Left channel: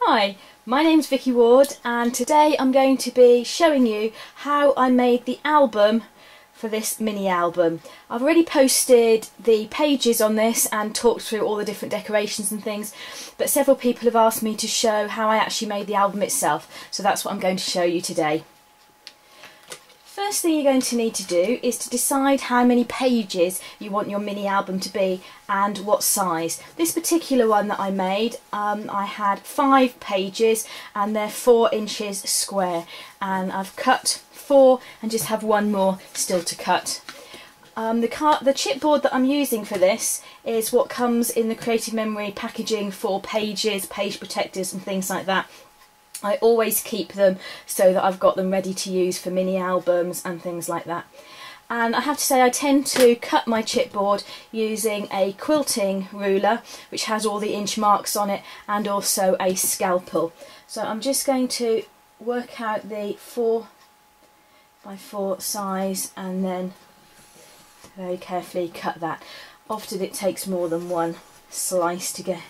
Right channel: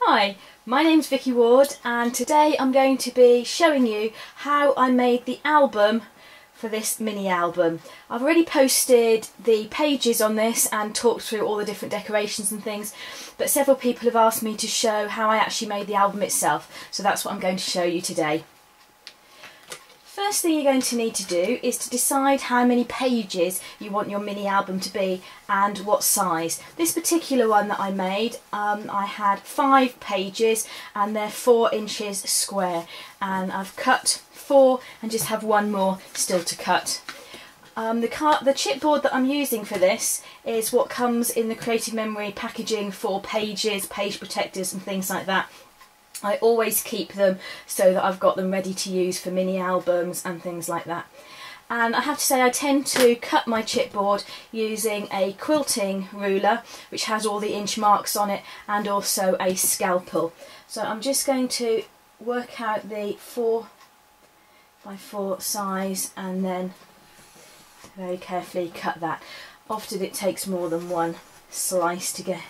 Hi, my name's Vicky Ward and today I'm going to be showing you how I made the album for this mini album. I've already posted the pages on this and talked through all the different decorations and things, but several people have asked me to show how I actually made the album itself, so that's what I'm going to show you today. First thing you're going to need to do is to decide how many pages you want your mini album to be and what size. This particular one that I made, I had 5 pages and they're 4 inches square, and I've cut 4 and just have 1 more still to cut. The chipboard that I'm using for this is what comes in the Creative Memory packaging for pages, page protectors and things like that. I always keep them so that I've got them ready to use for mini albums and things like that. And I have to say I tend to cut my chipboard using a quilting ruler which has all the inch marks on it and also a scalpel. So I'm just going to work out the 4x4 size and then very carefully cut that. Often it takes more than one slice to get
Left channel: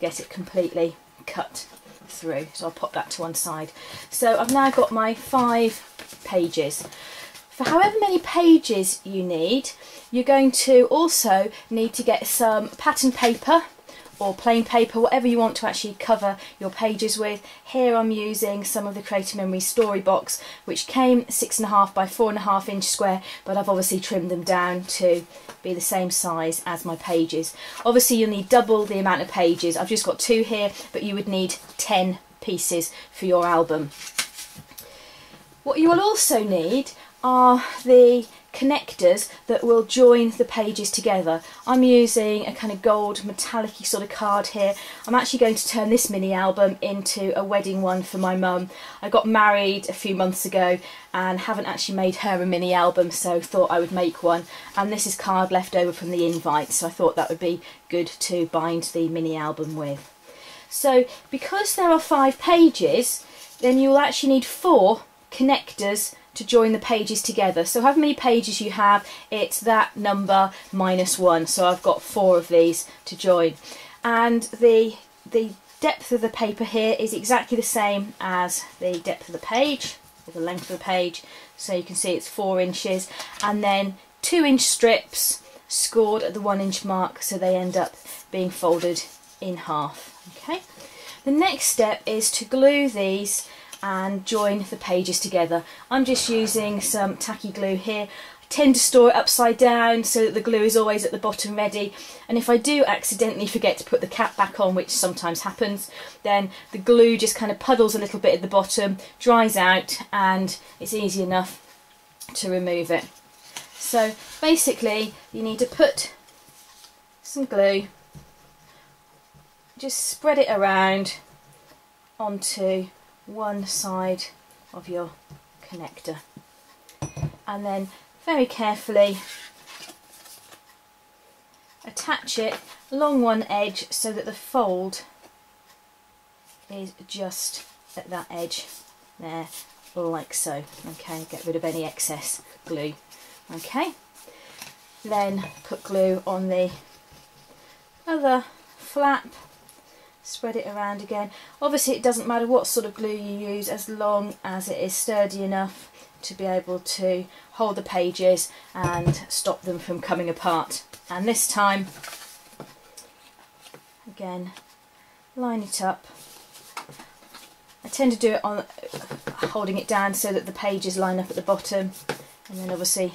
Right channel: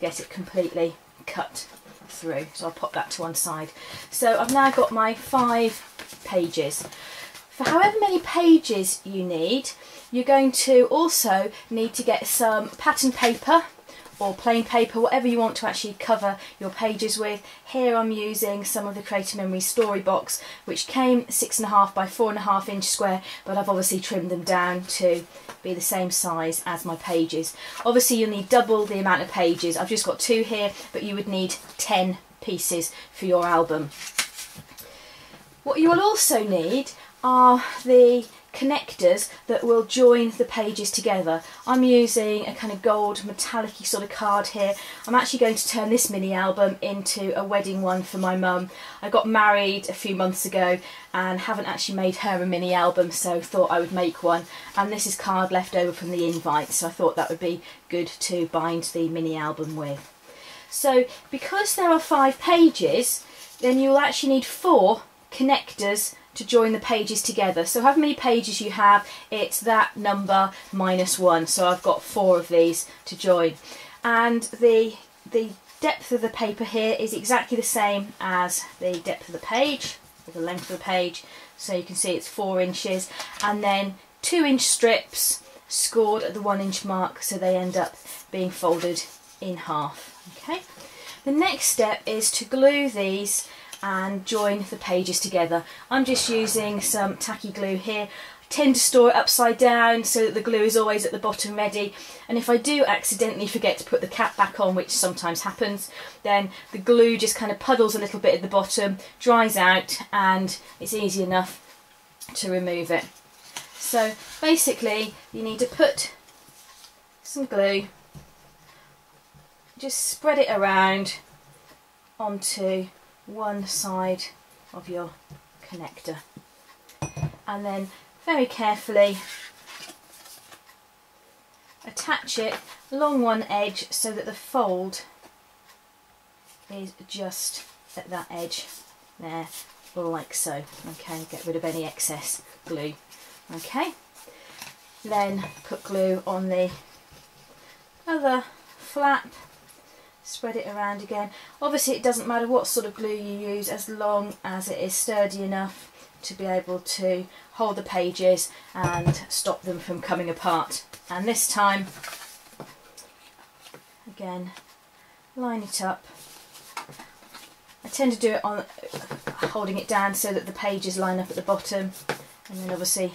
it completely cut through, so I'll pop that to one side. So I've now got my 5 pages. For however many pages you need, you're going to also need to get some pattern paper or plain paper, whatever you want to actually cover your pages with. Here I'm using some of the Creative Memory Storybox, which came 6.5 by 4.5 inch square, but I've obviously trimmed them down to be the same size as my pages. Obviously you'll need double the amount of pages. I've just got 2 here, but you would need 10 pieces for your album. What you will also need are the connectors that will join the pages together. I'm using a kind of gold metallic-y sort of card here. I'm actually going to turn this mini album into a wedding one for my mum. I got married a few months ago and haven't actually made her a mini album, so thought I would make one, and this is card left over from the invite, so I thought that would be good to bind the mini album with. So because there are 5 pages, then you'll actually need 4 connectors to join the pages together. So however many pages you have, it's that number minus 1. So I've got 4 of these to join. And the depth of the paper here is exactly the same as the depth of the page, or the length of the page. So you can see it's 4 inches. And then 2-inch strips scored at the 1 inch mark, so they end up being folded in half. Okay. The next step is to glue these and join the pages together. I'm just using some tacky glue here. I tend to store it upside down so that the glue is always at the bottom ready, and if I do accidentally forget to put the cap back on, which sometimes happens, then the glue just kind of puddles a little bit at the bottom, dries out, and it's easy enough to remove it. So basically you need to put some glue, just spread it around onto one side of your connector, and then very carefully attach it along one edge so that the fold is just at that edge there, like so. Okay, get rid of any excess glue. Okay, then put glue on the other flap, spread it around again. Obviously it doesn't matter what sort of glue you use as long as it is sturdy enough to be able to hold the pages and stop them from coming apart. And this time, again, line it up. I tend to do it on holding it down so that the pages line up at the bottom, and then obviously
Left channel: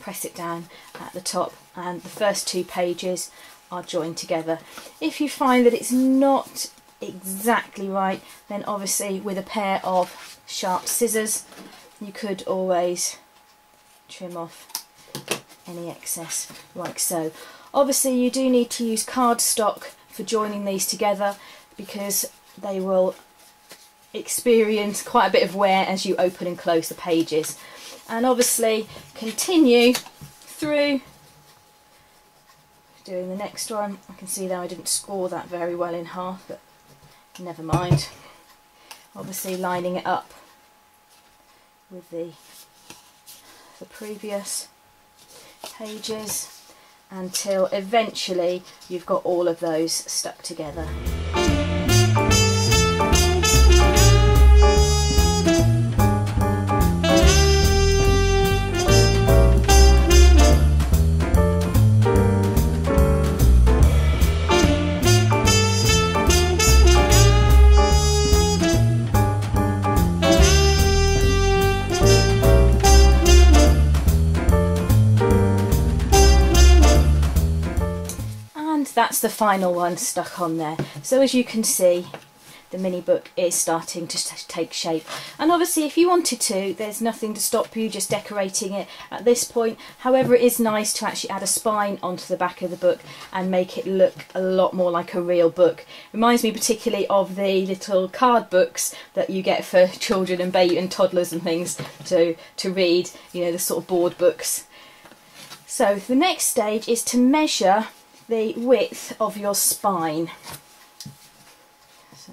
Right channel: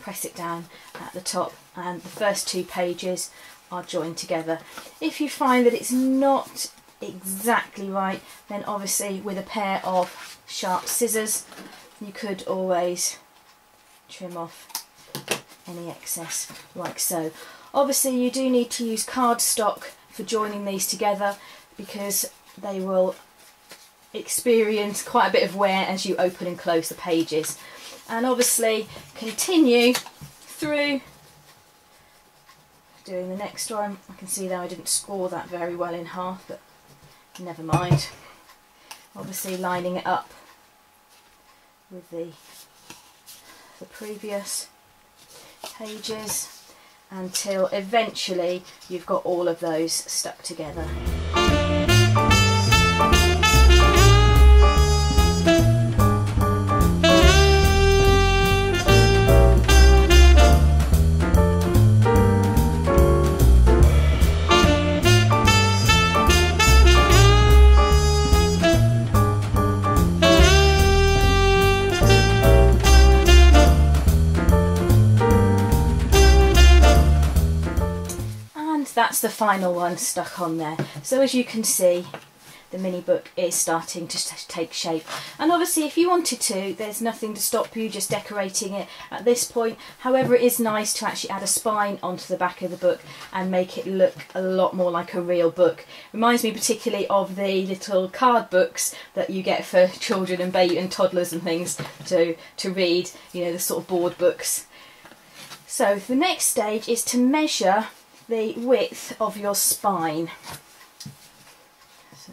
press it down at the top, and the first 2 pages are joined together. If you find that it's not exactly right, then obviously with a pair of sharp scissors you could always trim off any excess, like so. Obviously you do need to use cardstock for joining these together because they will experience quite a bit of wear as you open and close the pages. And obviously continue through doing the next one. I can see that I didn't score that very well in half, but never mind. Obviously lining it up with the previous pages until eventually you've got all of those stuck together. that's the final one stuck on there. So as you can see, the mini book is starting to take shape, and obviously if you wanted to, there's nothing to stop you just decorating it at this point. However, it is nice to actually add a spine onto the back of the book and make it look a lot more like a real book. Reminds me particularly of the little card books that you get for children and baby and toddlers and things to read, you know, the sort of board books. So the next stage is to measure the width of your spine. So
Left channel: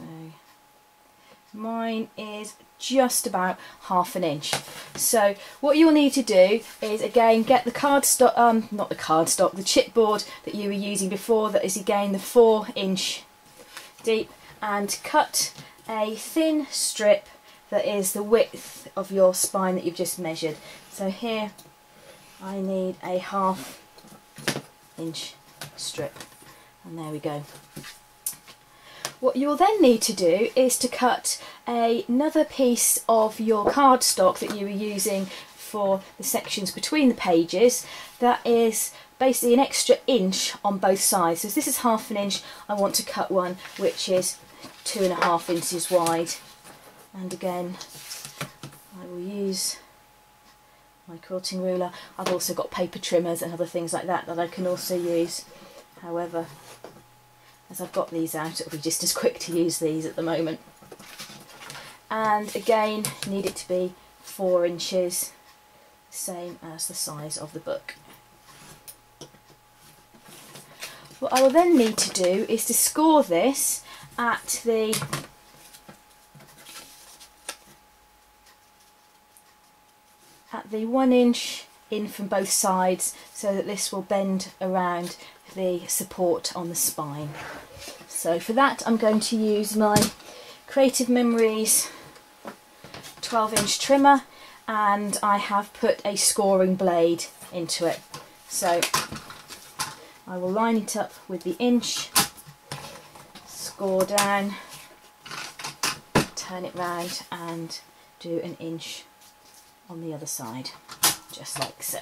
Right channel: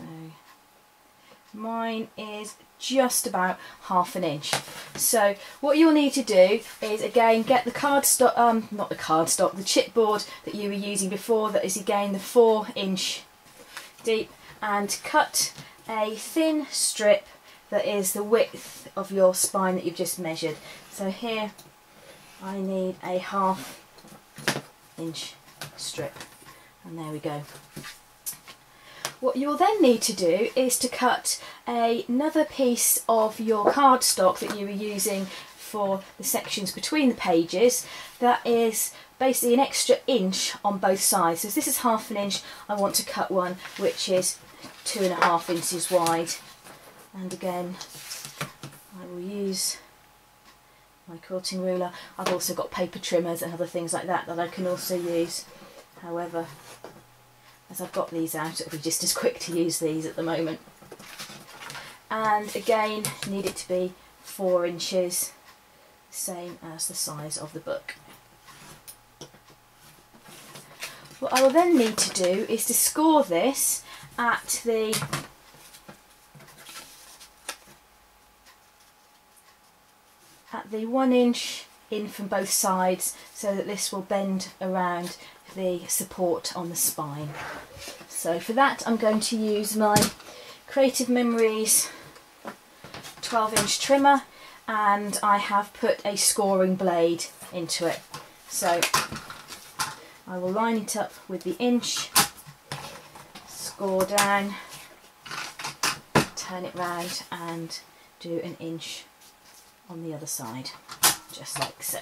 mine is just about 1/2 inch. So what you'll need to do is again get the cardstock, not the cardstock, the chipboard that you were using before, that is again the 4-inch deep, and cut a thin strip that is the width of your spine that you've just measured. So here I need a 1/2 inch strip, and there we go. What you'll then need to do is to cut another piece of your cardstock that you were using for the sections between the pages. That is basically an extra inch on both sides. So if this is 1/2 inch, I want to cut one which is 2.5 inches wide. And again, I will use my quilting ruler. I've also got paper trimmers and other things like that that I can also use. However, as I've got these out, it'll be just as quick to use these at the moment. And again, need it to be 4 inches, same as the size of the book. What I will then need to do is to score this at the at the 1 inch in from both sides, so that this will bend around the support on the spine. So for that I'm going to use my Creative Memories 12-inch trimmer, and I have put a scoring blade into it. So I will line it up with the inch, score down, turn it round and do an inch on the other side, just like so.